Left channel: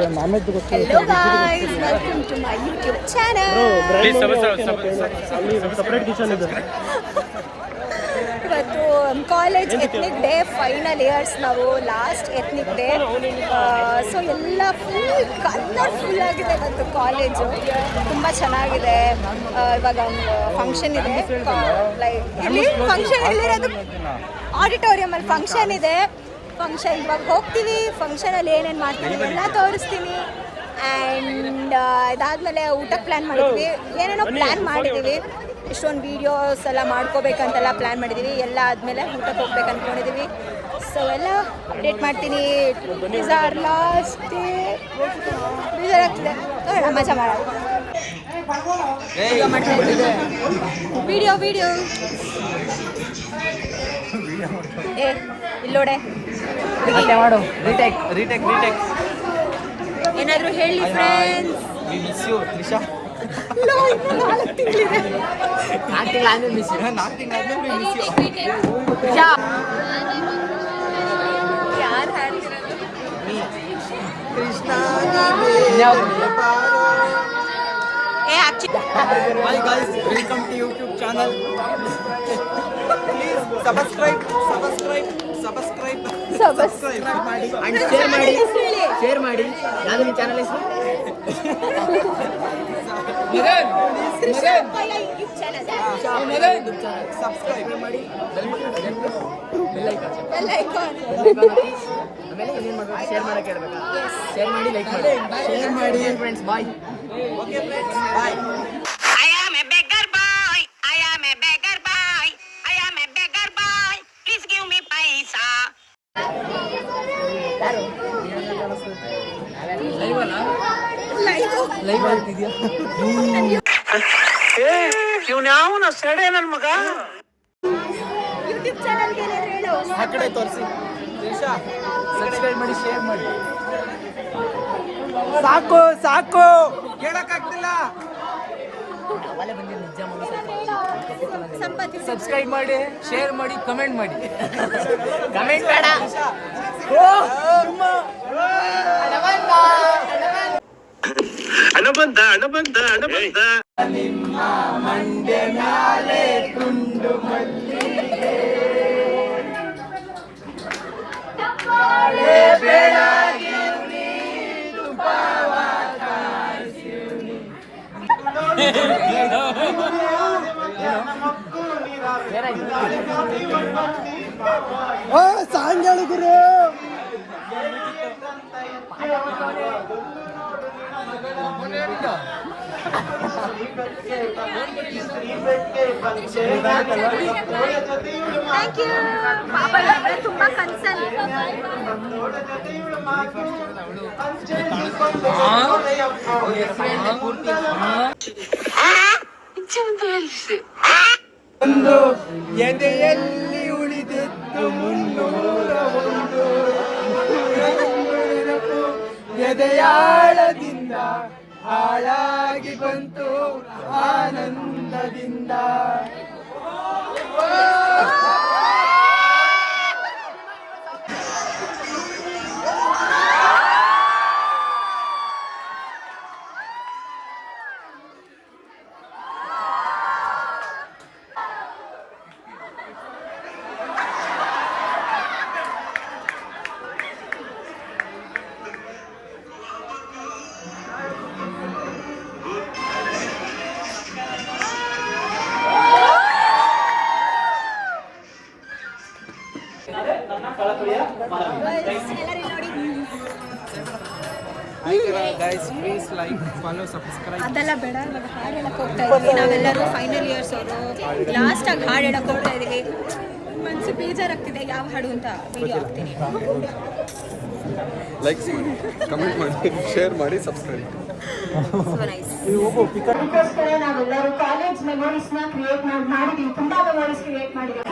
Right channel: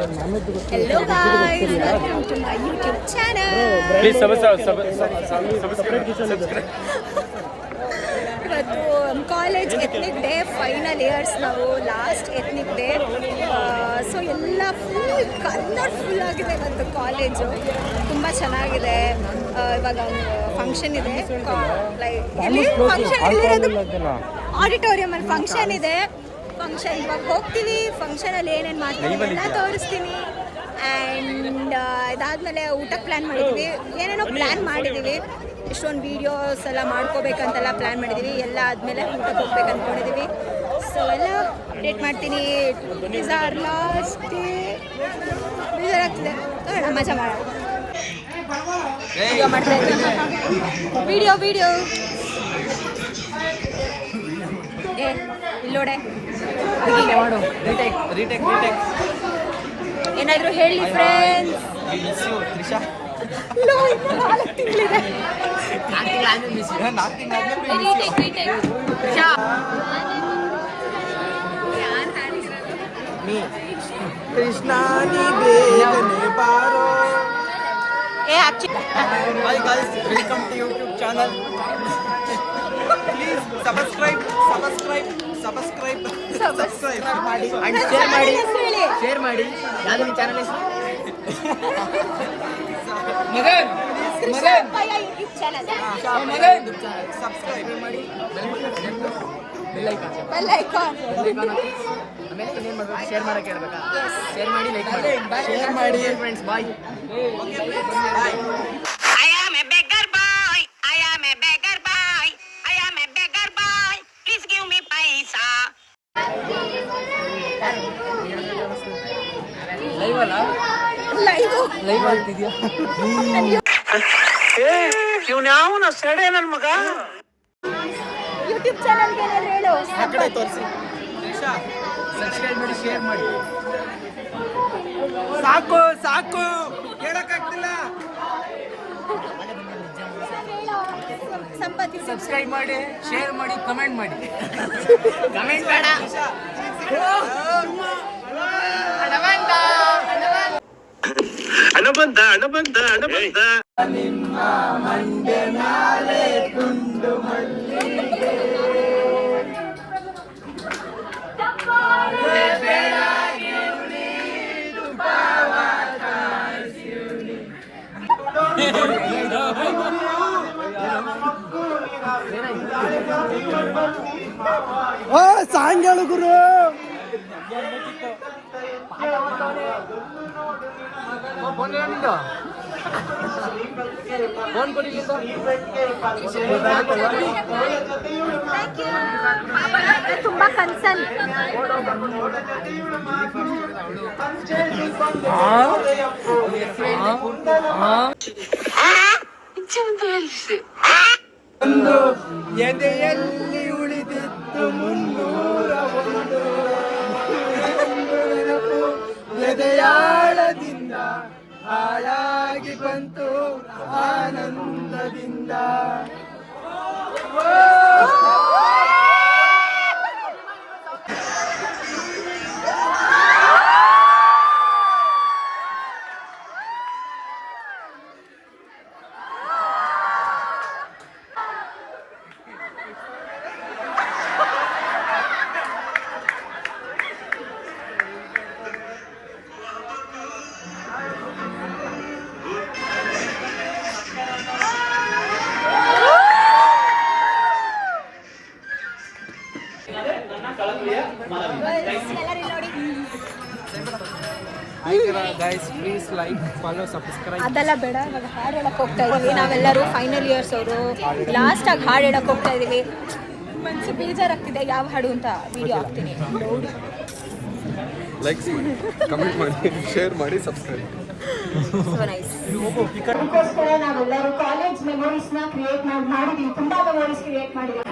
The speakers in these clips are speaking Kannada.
Hello guys, welcome to my YouTube channel. ಇವತ್ತು college ethnic day final years, ನಾವು ಲಾಸ್ಟ್ ಎಥ್ನಿಕ್ ಡೇ. ಸೊ ಎಲ್ಲ ಫುಲ್ ಕಲರ್ಫುಲ್ ಆಗಿದೆ ಇವತ್ತು ಕಾಲೇಜು, ತುಂಬ ಚೆನ್ನಾಗಿದೆ. ಇವಾಗ ಫಂಕ್ಷನ್ ಇದೆ, ಲೈಕ್ ಇಲ್ಲಿ ಫಂಕ್ಷನ್ ಎಲ್ಲಿರೋದು ಆಡಿಟೋರಿಯಮಲ್ಲಿ ಫಂಕ್ಷನ್ ಇದೆ. ಫಂಕ್ಷನ್ ಇವಾಗ ಹೋಗ್ತೀವಿ, ಫಂಕ್ಷನಲ್ಲಿ ಏನೇನು ಮಾಡ್ತೀವಿ ಎಲ್ಲ ತೋರಿಸ್ತೀನಿ. ಆ್ಯಂಡ್ ಇದಾದಮೇಲೆ ಊಟಕ್ಕೆ ಪ್ಲ್ಯಾನ್ ಮಾಡಿದ್ದೀವಿ, ಏನೇನೋ ಪ್ಲ್ಯಾನ್ ಮಾಡಿದ್ದೀವಿ. ಇಷ್ಟೊಂದು ವೀಡಿಯೋಸ್ ಎಲ್ಲ ಮಾಡ್ಕೋಬೇಕಂತೆಲ್ಲ ಪ್ಲ್ಯಾನ್ ಮಾಡಿದ್ದೀವಿ. ಎಲ್ಲ ಆದಮೇಲೆ ಊಟಕ್ಕೆ ಹೋಗ್ಬೇಕು ಅಂದ್ಕೊಂಡಿದ್ದೀವಿ. ಸೊ ಎಲ್ಲ ಅಪ್ಡೇಟ್ ಮಾಡ್ತೀನಿ. Is our last day. ಬೇಜಾರಾಗ್ತಿದೆ, ನೋಡೋಣ, ಮಜಾ ಮಾಡೋಣ. ವಿಡಿಯೋ ಮಾಡ್ತಾ ಇದ್ದೀವಿ, ವಿಡಿಯೋ ಇಲ್ಲೋಡೆ ಏನಾದರೂ ಹೇಳಿ ಫ್ರೆಂಡ್ಸ್. ಇನ್ನು 4 ತಿಂಗಳಿದೆ. Hi guys, welcome to YouTube channel. Please subscribe ಮಾಡಿ and share ಮಾಡಿ. ಯಾರು ನಿಮ್ಮ ಚಾನೆಲ್ ಹೆಸರು? ಯೂಟ್ಯೂಬ್ ಚಾನಲ್ ಸಬ್ಸ್ಕ್ರೈಬ್ ಮಾಡಿ, ಬೆಲ್ ಐಕಾನ್ ಆಮೇಲೆ ಇನ್ನೇನು ಮಾಡಬೇಕು? ಶೇರ್ ಮಾಡಕ್ಕೆ ಹೇಳ್ಬೇಕಾ? ಶೇರ್ ಮಾಡಿ, ಲೈಕ್ ಮಾಡಿ, ಶೇರ್ ಮಾಡಿ friends. Bye. I am a beggar boy. Please give me paisa. Live ಆಗ್ತಿದ್ಯಾ? ಇವನ್ಯಾವನ ಸೆಡೆ ನನ್ನ ಮಗ. ಯೂಟ್ಯೂಬ್ ಚಾನಲ್ಗೆ ಏನಾದರೂ ಹೇಳು. ಆ ಕಡೆ ತೋರಿಸಿ. ಸಬ್ಸ್ಕ್ರೈಬ್ ಮಾಡಿ, ಶೇರ್ ಮಾಡಿ. ಸಾಕು ಹೇಳಕ್ಕಾಗ್ತಿಲ್ಲ. ಸಂಪತ್ತಿ ಸಬ್ಸ್ಕ್ರೈಬ್ ಮಾಡಿ, ಶೇರ್ ಮಾಡಿ, ಕಮೆಂಟ್ ಮಾಡಿ. ಕಮೆಂಟ್ ಬೇಡ. ಹಣ ಬಂದ ನಿಮ್ಮ ಮಂಡ್ಯ ಮ್ಯಾಲೆ ತುಂಡು ಮಲ್ಲಿಗೆ ಬೆಳಗಿ ಉಳಿದು ಸಾಂಗಳು ಗುರು. ತುಂಬಾ ಕನ್ಸನ್. ಒಂದು ಎದೆಯಲ್ಲಿ ಉಳಿದಿತ್ತು 301 ನೆನಪು, ಎದೆಯಾಳದಿಂದ ಹಾಳಾಗಿ ಬಂತು ಆನಂದದಿಂದ. Guys, please like, follow, subscribe. ಅದೆಲ್ಲ ಬೇಡ, ಇವಾಗ ಹಾಡು ಹೇಳಕ್ಕೆ ಹೋಗ್ತಾ ಇದೀವಿ. ನಾವೆಲ್ಲರೂ ಫೈನಲ್ ಇಯರ್ಸ್ ಅವರು ಲಾಸ್ಟಾಗಿ ಹಾಡು ಹೇಳಕ್ಕೆ ಹೋಗ್ತಾ ಇದೀವಿ. ಮನಸ್ಸು ಬೇಜಾರಾಗ್ತಿದೆ, ಯಾವ ಹಾಡು ಅಂತ ವಿಡಿಯೋ ಹಾಕ್ತೀನಿ. ಲೈಕ್ ಮಾಡಿ, ಕಮೆಂಟ್ ಮಾಡಿ, ಶೇರ್ ಮಾಡಿ, ಸಬ್ಸ್ಕ್ರೈಬ್. So nice. ಇದಕ್ಕೋಸ್ಕರ ನಾವೆಲ್ಲರೂ ಕಾಲೇಜ್ ಮೆಮೊರೀಸ್ನ ಕ್ರಿಯೇಟ್ ಮಾಡಿದ್ದೀವಿ, ತುಂಬಾ ಮೆಮೊರೀಸ್ ಕ್ರಿಯೇಟ್ ಮಾಡಿದ್ದೀವಿ.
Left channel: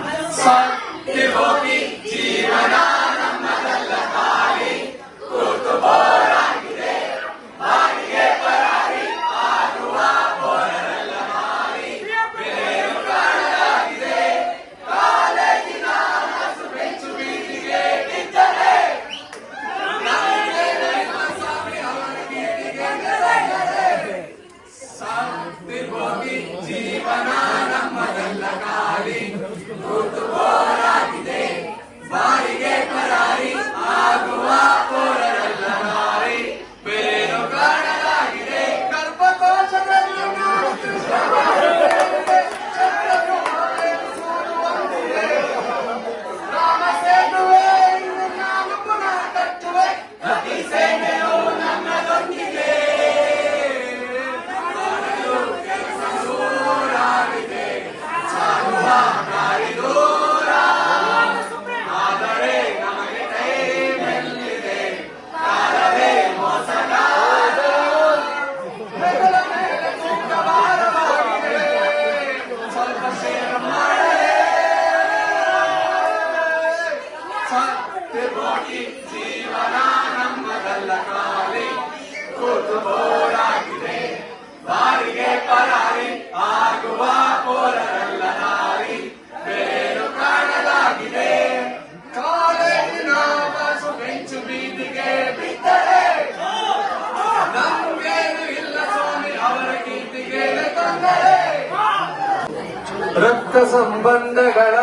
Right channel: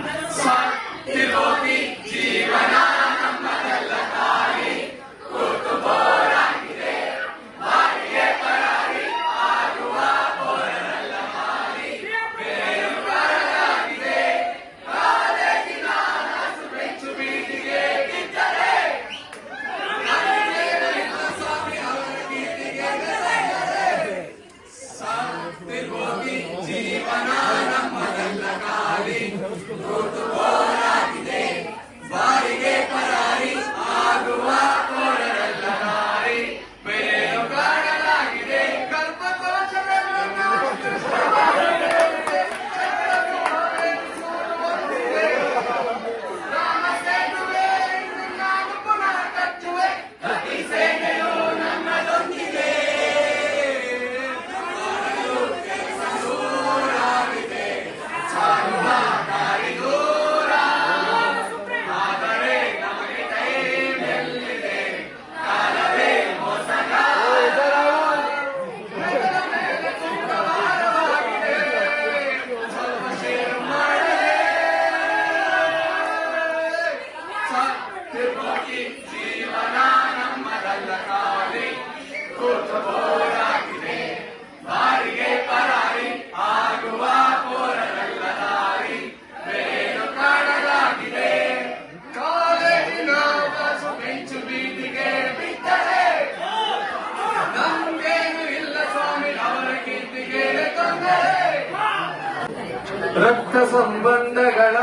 ಸಂಬಂಧಗಳ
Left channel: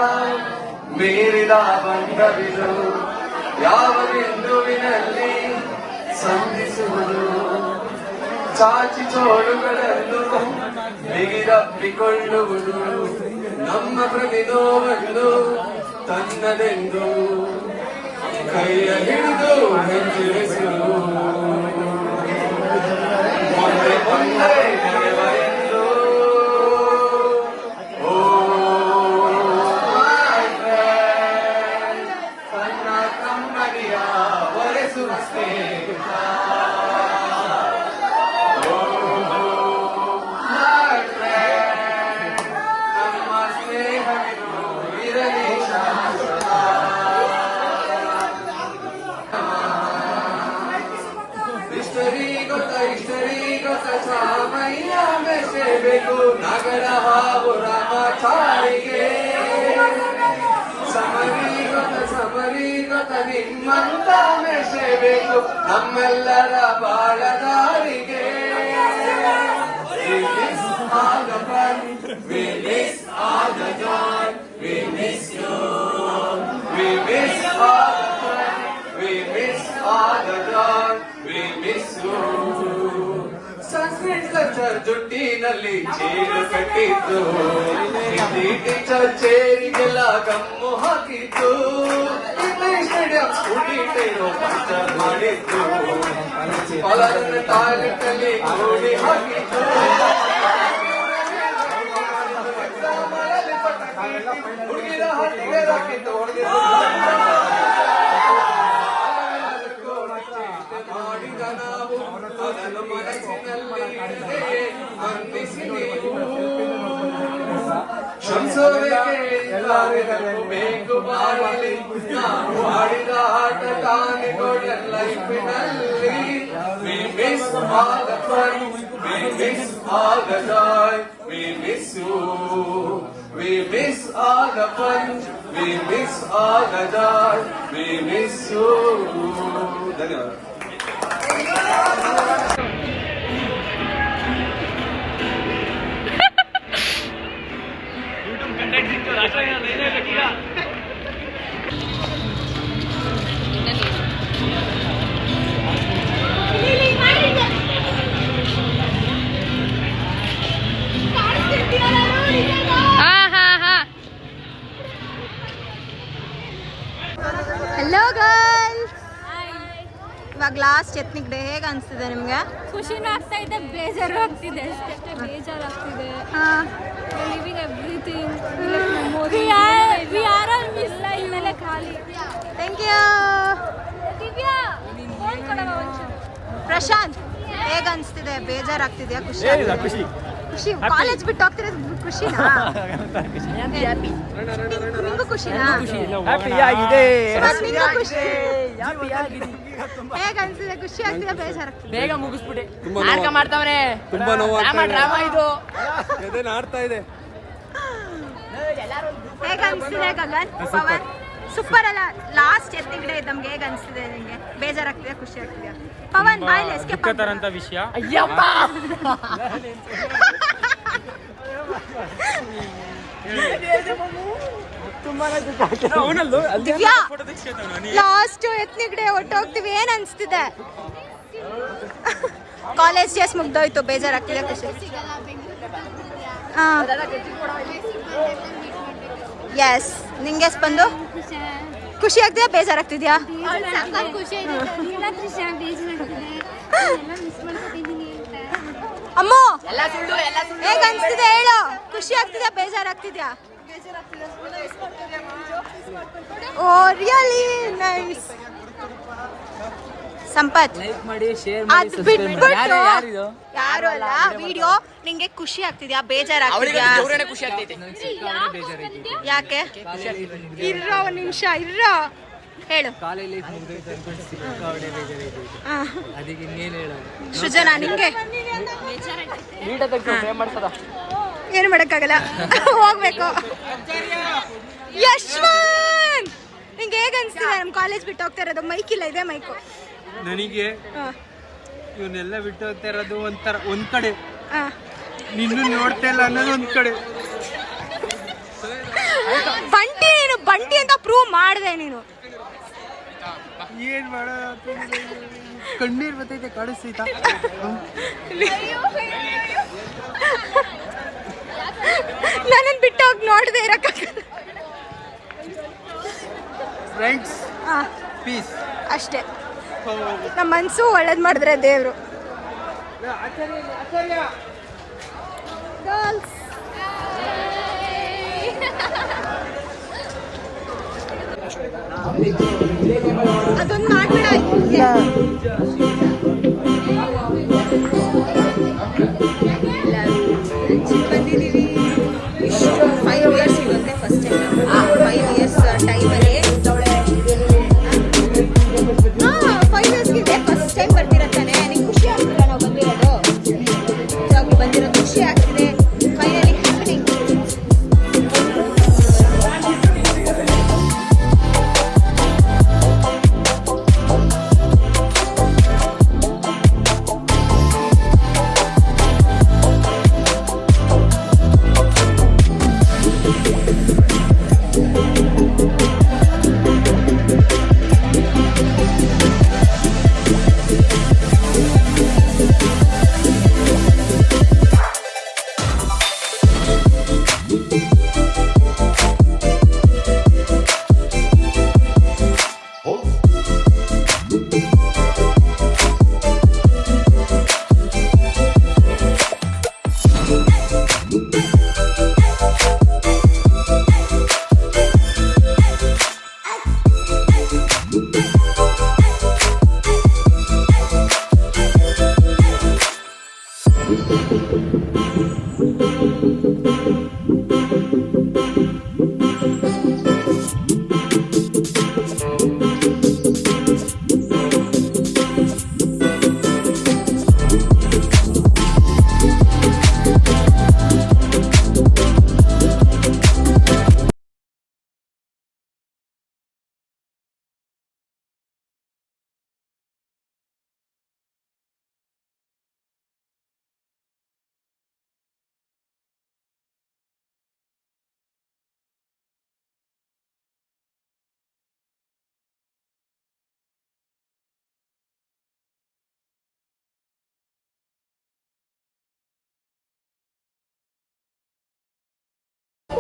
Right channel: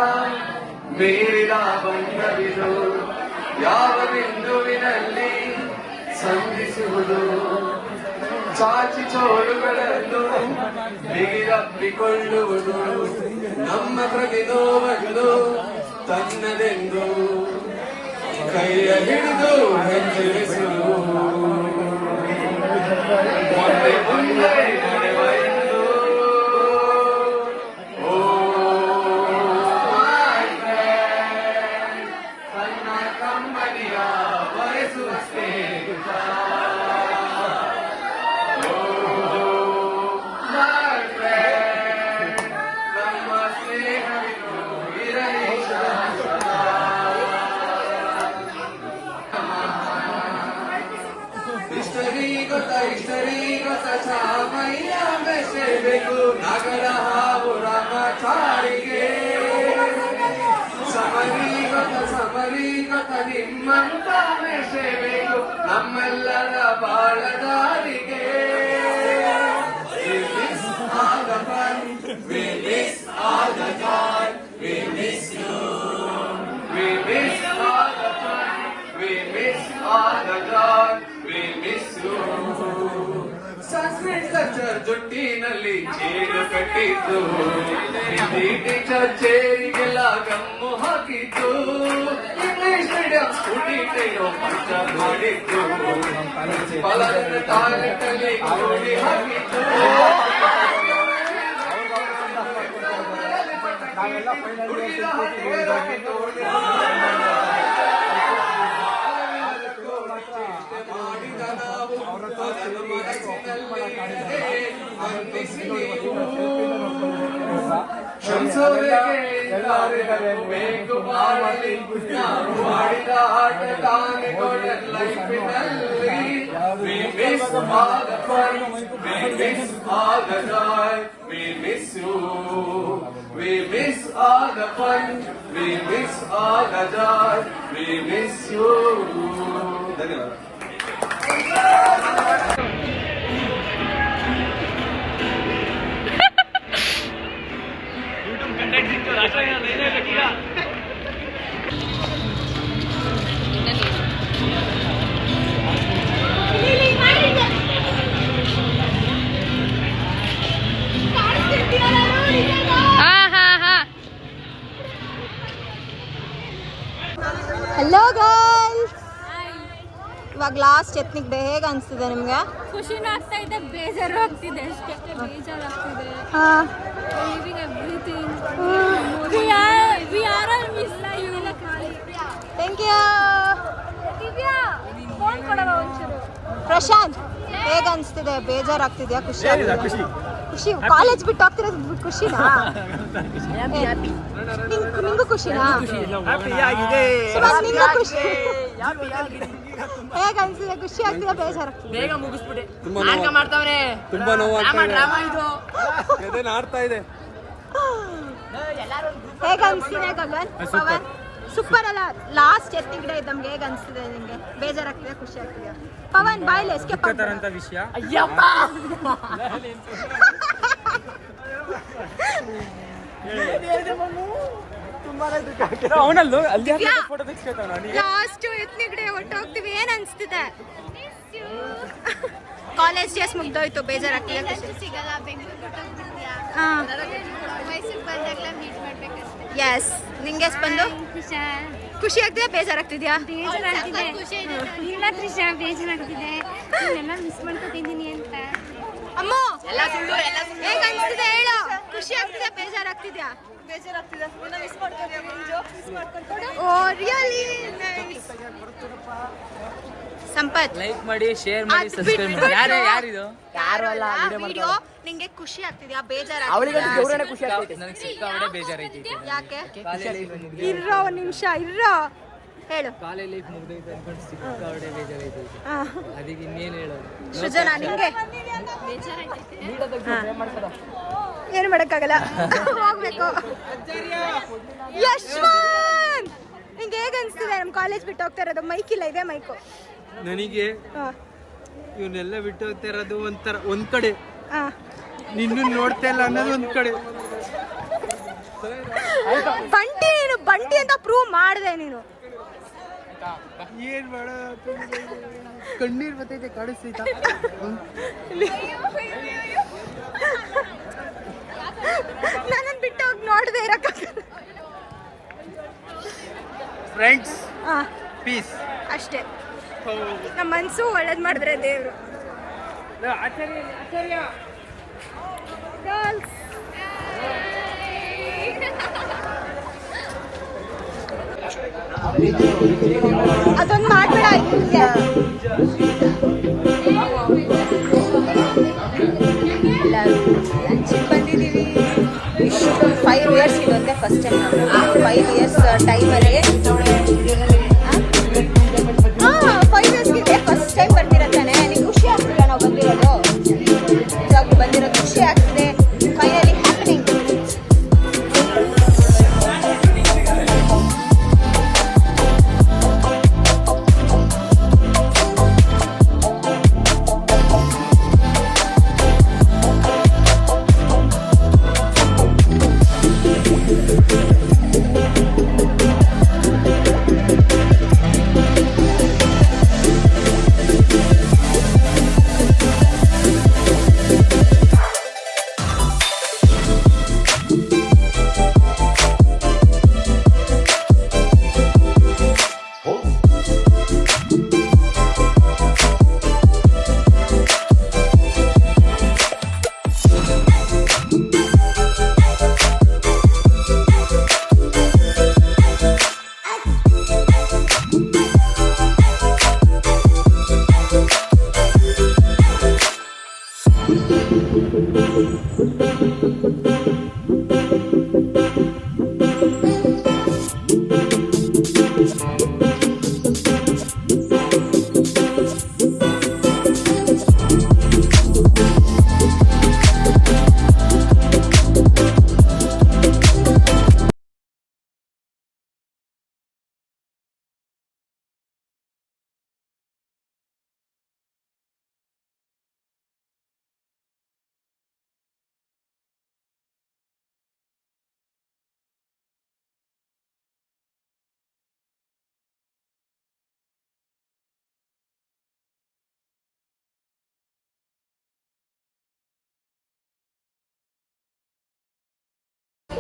ಮೀರಿದ ಬಂಧವಿದು ಯಾವ ಬಿಂದುವಿನಲ್ಲಿ ಸಂಧಿಸುವುದು ಚಾಚಿ ಚೋಳುಗಳನ್ನು ಬಿಗಿರಪ್ಪಿಕೊಳ್ಳುವುದು ನಮ್ಮ ಪ್ರತಿ ನೋವನ್ನು ತನ್ನದೆಂದು ಕೈಯ ಹಿಡಿದು ಹೆಜ್ಜೆಸುವುದು ಮುಂದೆ ನಡೆವ ಎಂದು ತನ್ನ ಕಮ್ಮನಿಯ ಬರೆಸುವ ಸ್ನೇಹಿತ ನಮ್ಮ ಸ್ನೇಹವಿದು ಇರಲಿ ಶಾಶ್ವತ ಇಷ್ಟರಿ ಗೊತ್ತ ಸಾಮಯ್ಯ ಬೆಸೆಬೇಕು ನಗರ ಹಾವು ರಾಮಚಾರಿಗೆ ಸಮರಿ ಗೊತ್ತ ನಿಮ್ಮಂತ ಬೆಸೆಬೇಕು ನಮ್ಮೆಲ್ಲರ ಬಾಳದಾರಿಗೆ We miss all the fun, we miss all the joy, we miss you. We miss all the fun, we miss all the joy, we miss you. Sanskrit culture ಜುಟ್ಟಿನಲ್ಲಿ ಚೇರು ಕಟ್ಟಿದ್ದು ಹಿಂದಿ ಟೀಚರ್ ಚೇರಿಗೆಲ್ಲ ಗಮ್ಮು ಹಾಕಿದ್ದು ಇಂಗ್ಲಿಷ್ ಮೀಡಿಯಂ ಸ್ಟೂಡೆಂಟೇನೋ ಕಲ್ಚರ್ ಮಾಡಿದ್ದು ಪಲರನ್ನ ಟಾಯ್ಲೆಟ್ ಅಲ್ಲಿ ಕೂಡಿ ಹಾಕಿದ್ದು ಹುಡುಗಿರ ಹಟ್ಟಿಗೆ ಹಾಕಿದ್ದು ಮಾಡಿದ ನಾವು ಅದನ್ನು ಮನಸ್ಸಿನಲ್ಲಿ ಬಂಧಿಸಿ ನೀವು ಬೇಕು ಮಾಡಲಿ ನಾವು ಮಾಡಿದ ಆಟ ತಾನೆ ದೊಡ್ಡ ಲೈಫಿನಲ್ಲಿ We miss all the fun, we miss all the joy, we miss you. We miss all the fun, we miss all the joy, we miss you. ಧನ್ಯವಾದ. ಹಲೋ ಗೈಸ್, ಇವಾಗ ಲಾಸ್ಟ್ ಎತ್ನಿಕ್ ಡೇ ಹೇಗೆ ಅನಿಸ್ತಿದೆ ನಿಮ್ಗೆ? ಖುಷಿನೂ ಆಗ್ತಾ ಇದೆ, ಬೇಜಾರು ಆಗ್ತಿದೆ. ಅಷ್ಟೇ ಬೇಜಾರಾಗ್ತಿದೆ. Living everything. We are all miss ಇನ್ಮೇಲೆ ಖಾಲಿ. Thank you. ಪ್ರಶಾಂತ್, ಹೇಗೆ ಅನಿಸ್ತಿದೆ? ಬೇಜಾರಾಗ್ತಿದ್ಯಾ? ಖುಷಿ? ಖುಷಿ. ಕಾಲೇಜ್ ಬಿಟ್ಟು ಹೋಗ್ತಿರೋದು ಖುಷಿನಾ? ನಿಂಗೂ ಖುಷಿನಾ? ಸುಭಾಷ್, ನಿಂಗೂ ಖುಷಿ? ಹೇಗೆ ಅನ್ಸಿದೆ? ಖುಷಿ ಆಗ್ತಿದೆ, ಬೇಜಾರಾಗ್ತಿದೆ? ಬೇಗ ಮುಗಿಸ್ಬಿಡಿ. ತುಂಬಾ ನೋವಾಗ್ತಾ ಇದೆ. ಹೇಗೆ ಅನ್ಸ್ತಿದೆ ಗಗನ್? ಪವನ್ ಸೂಪರ್ ಅಲ್ಲ? ಲಾಸ್ಟ್ ಎತ್ತಿಂಗ್ ಡೇ ನಮ್ಗೆ ಹೇಗೆ ಅನ್ಸ್ತಿದೆ ನಿಂಗೆ? ಬೇಜಾರಾಗ್ತಿದೆ, ಖುಷಿ ಆಗ್ತಿದೆ? ಪವನ್ ಬಾಯ್ಲಿ ಎಸ್ಕೇಪ್ ಅಂತ ವಿಷಯ. ಲಾಸ್ಟ್ ಎತ್ನಿಕ್ ಡೇ ಹೊಟ್ಟೋಗ್ತೀವಿ, ಏನ್ ಅನ್ಸ್ತಿದೆ? ಕಾಲೇಜ್ ಡೇಸ್ ಮುಗ್ದೋಯ್ತು, ಬೇಜಾರಾಗ್ತಿದೆ, ಖುಷಿ? ಎಸ್. ನಿಂಗೆ ಬಂದು ಖುಷಿ ಆಗ್ತಿದ್ಯಾ, ಬೇಜಾರಾಗ್ತಿದ್ಯಾ? ಅಮ್ಮ ಹೇಗ ಅನ್ಸ್ತಿದೆ ಹೇಳು? ಖುಷಿ ಆಗ್ತಿದ್ಯಾ, ಬೇಜಾರಾಗ್ತಿದ್ಯಾ? Oh really nice. Sampath, like ಮಾಡಿ, ಶೇರ್ ಮಾಡಿ, ಸಬ್ಸ್ಕ್ರೈಬ್ ಮಾಡಿ. ಯಾರು ಅಲ್ಲ, ವಿಡಿಯೋ ನಿಂಗೆ ಖುಷಿ ಆಗ್ತಿದ್ಯಾ, ಬೇಜಾರಾಗ್ತಿದ್ಯಾ? ಖುಷಿ ಆಗ್ತೈತೆ. ನನಗೆ ಸಿಕ್ಕಾಪಟ್ಟೆ ಬೇಜಾರೈತಿ. ಯಾಕೆ? ಕಾಲೇಜ್ ಲೈಫ್ ಇರೋ ಒಂದ್ ನಿಮಿಷ ಇರೋ, ಹೇಳು. ಕಾಲೇಜ್ ಲೈಫ್ ಮುಗಿದೈತೆ ಅನ್ಕೊಂಡು ಸಿಕ್ಕಾಪಟ್ಟೆ ಬೇಜಾರೈತಿ. ಅದಕ್ಕೆ ಇನ್ನೇನು ಹೇಳೋದು? ಸೃಜನಾ, ನಿಂಗೆ? ಏನು ಮಾಡಕ್ಕಾಗಲ್ಲ, ಹೋಗ್ಬೇಕು. ಯಶ್ವಂತ್, ನಿಂಗೆ ಹೇಗೆ ಅನ್ಸ್ತಿದೆ? ನಮ್ ಕಾಲೇಜ್ ಬಿಟ್ಟು ಹೋಗ್ತಾ ಇರೋದು. ಮೈಕ್ ಇಲ್ಲ, ಇದೆ ಮೈಕು. ನನಗೆ ಇವನ್ನೆಲ್ಲ ಬಿಟ್ಟು ಹೋಗ್ತಾ ಇರೋದು ಒಂಥರ, ಒಂದ್ ಕಡೆ ನಿನ್ನ ನೋಡ್ತಾ ಇಲ್ಲ ಅನ್ನೋದು ಒಂದ್ ಕಡೆ. ಬಂಟಿ ಅಂತ ಪ್ರೂವ್ ಮಾಡಿದೆ ನೀನು. ಏನ್ ಮಾಡ ಕಣ್ಣೀರ್ ಬರ್ತೈತೆ ಕಾಣಿಸ್ತೈತ. ನನ್ನನ್ನು ಬಿಟ್ಟು ಹೋಗಿ ನೋಡದೆ ಇರಕ್ಕಾಗಲ್ಲ. ಫ್ರೆಂಡ್ಸ್ ಪೀಸ್ ಅಷ್ಟೇ. ನಮ್ಮ ಮನಸ್ಸು ಒಳ್ಳೇದು ಮಾಡಿದ್ರೆ ದೇವರು. ಗರ್ಲ್ಸ್ ಅದೊಂದು ಮಾಡ್ಬೇಡ. ಎಲ್ಲರೂ ಲಂಚಿಗೆ ಬಂದಿದ್ದೀವಿ. ಇಷ್ಟು 5 ಇಯರ್ಸ್ ಇದೊಂದೇ ಫಸ್ಟ್ ಟೈಮ್ ನಾವು 5 ಇಯರ್ಸ್ ಟೈಮಲ್ಲಿ 5 ಇಯರ್ಸ್ಗೆ ಫಸ್ಟ್ ಟೈಮ್ ಬಂದಿರತ್ತಾನೆ. ನನಗೆ ಖುಷಿ ಆಗ್ತಿಲ್ಲ ನಾವು ಬಂದಿರೋದು. ಇವಾಗ ಬಂದಿರೋದು ಖುಷಿ ಆಗ್ತಿದೆ. Finally happening.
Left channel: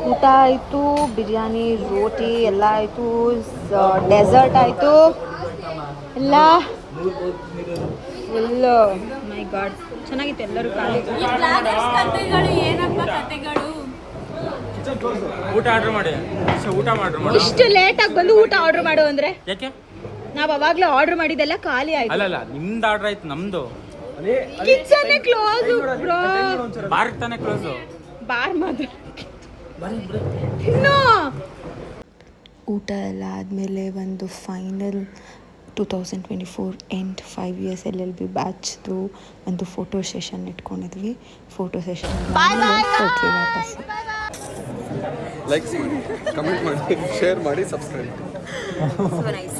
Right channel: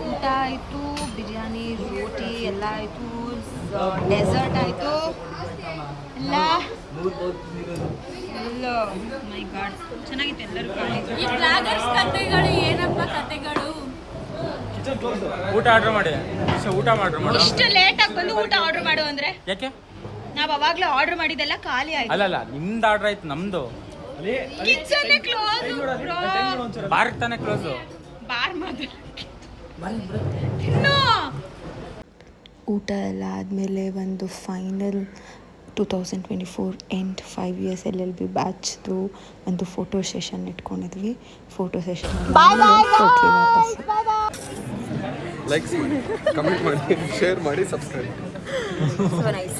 ಊಟ ಆಯಿತು, ಬಿರಿಯಾನಿ ರೋಟಿ ಎಲ್ಲ ಆಯಿತು, ಡೆಸರ್ಟ್ ಆಯಿತು, ಎಲ್ಲ ಫುಲ್ಲು ಮೈ ಗಾಡ್ ಚೆನ್ನಾಗಿತ್ತು. ಎಲ್ಲರೂ ಖಾಲಿ. ಈ ಬ್ಲಾಗರ್ಸ್ ಕತೆಗಳು ಏನಪ್ಪ ಕತೆಗಳು? ಊಟ ಆರ್ಡರ್ ಮಾಡಿ ಊಟ ಮಾಡ್ರಿ. ಇಷ್ಟು ಲೇಟಾಗಿ ಬಂದು ಊಟ ಆರ್ಡರ್ ಮಾಡು ಅಂದ್ರೆ ಯಾಕೆ? ನಾವು ಅವಾಗಲೇ ಆರ್ಡರ್ ಮಾಡಿದ್ದೆಲ್ಲ ಖಾಲಿ ಆಯ್ತು. ಅಲ್ಲಲ್ಲ, ನಿಮ್ದು ಆರ್ಡರ್ ಆಯ್ತು, ನಮ್ದು ಕಿಚನ್ ಕ್ಲೋಸ್ ಬ್ರೋ. ಬಾರ್ ತಾನೇ ಕ್ಲೋಸ್. ಬಾರ್ ಮಾತ್ರ ತಿನ್ನೋ. ಊಟ ಎಲ್ಲ ಆದಮೇಲೆ ಒಂದು ಫೈನಲ್ 2024 ಎಂಡ್ 5 ಇಯರ್ಸ್ LLB ಬ್ಯಾಚ್ದು ಒಂದು ಫೋಟೋ ಸೆಷನ್ ಇಟ್ಕೊಂಡಿದ್ವಿ. ಫೋಟೋ ಸೆಷನ್ ಕೊಟ್ವಿ ವಾಪಸ್. ಲೈಕ್ಸ್ ಮಾಡಿ, ಕಮೆಂಟ್ ಮಾಡಿ, ಶೇರ್ ಮಾಡಿ, ಸಬ್ಸ್ಕ್ರೈಬ್. So nice.